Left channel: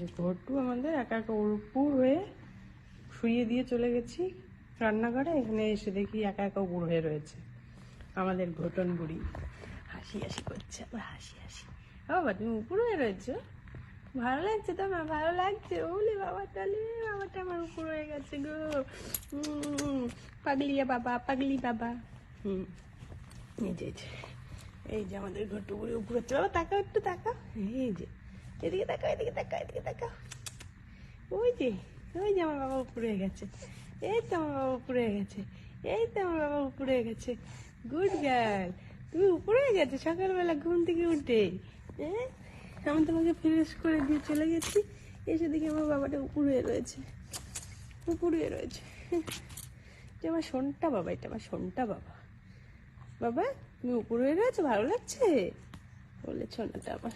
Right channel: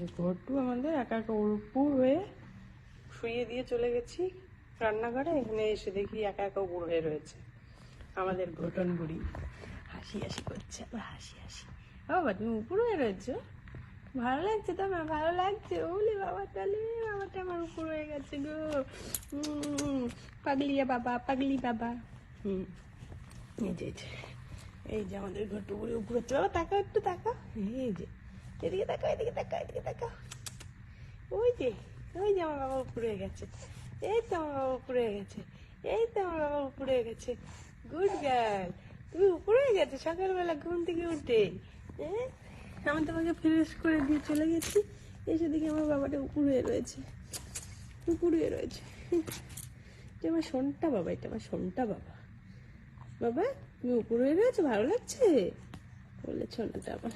যে ঘরটু আমাদের একা একা উপর হয়ে শুয়ে দিয়ে চলে গেছি রান্নাঘরে, এখানে এসে দেখি একা একা উপর হয়ে রয়েছে আমাদের ঘটন বুড়ি। হাসি হাসি করছে, আবার হাসি হাসি। বাবা তুমি উপর হয়ে রয়েছো, ভালো লাগছে তোমার? ভালো লাগছে? ওলে বাবা, চলে বাবাটা আমার উপর হয়ে গেছে গো। পাগলিয়া বাবা, পাগলি বাবা। এই যে এই যে আমাদের ঘটু বুড়ি উপরে চলো, তাকাও একটু, তাকাও। এই যে এদিকে তাকাও, এদিকে তাকাও, এদিকে তাকাও। ওই যে আমার বাবা উপরে গেছে, এই তো আমার বাবা উপরে গেছে, এই তো আমার বাবা উপরে গেছে। গুড গার্ল, তুমি উপরে গেছো সকালবেলা ঘুম থেকে উঠে। হ্যাঁ, আমি তোমাকে ফ্রেশ করে দিয়ে চলে গেছি, এসে দেখি আমার বাবাটা উপরে রয়েছে, উপরে রয়েছে। এটা আমার শোনটা বাবা, এটা আমার শোনটা বাবা। বাবা তুমি উপরে রয়েছো, ভালো লাগছে বলেছ না তো আমার।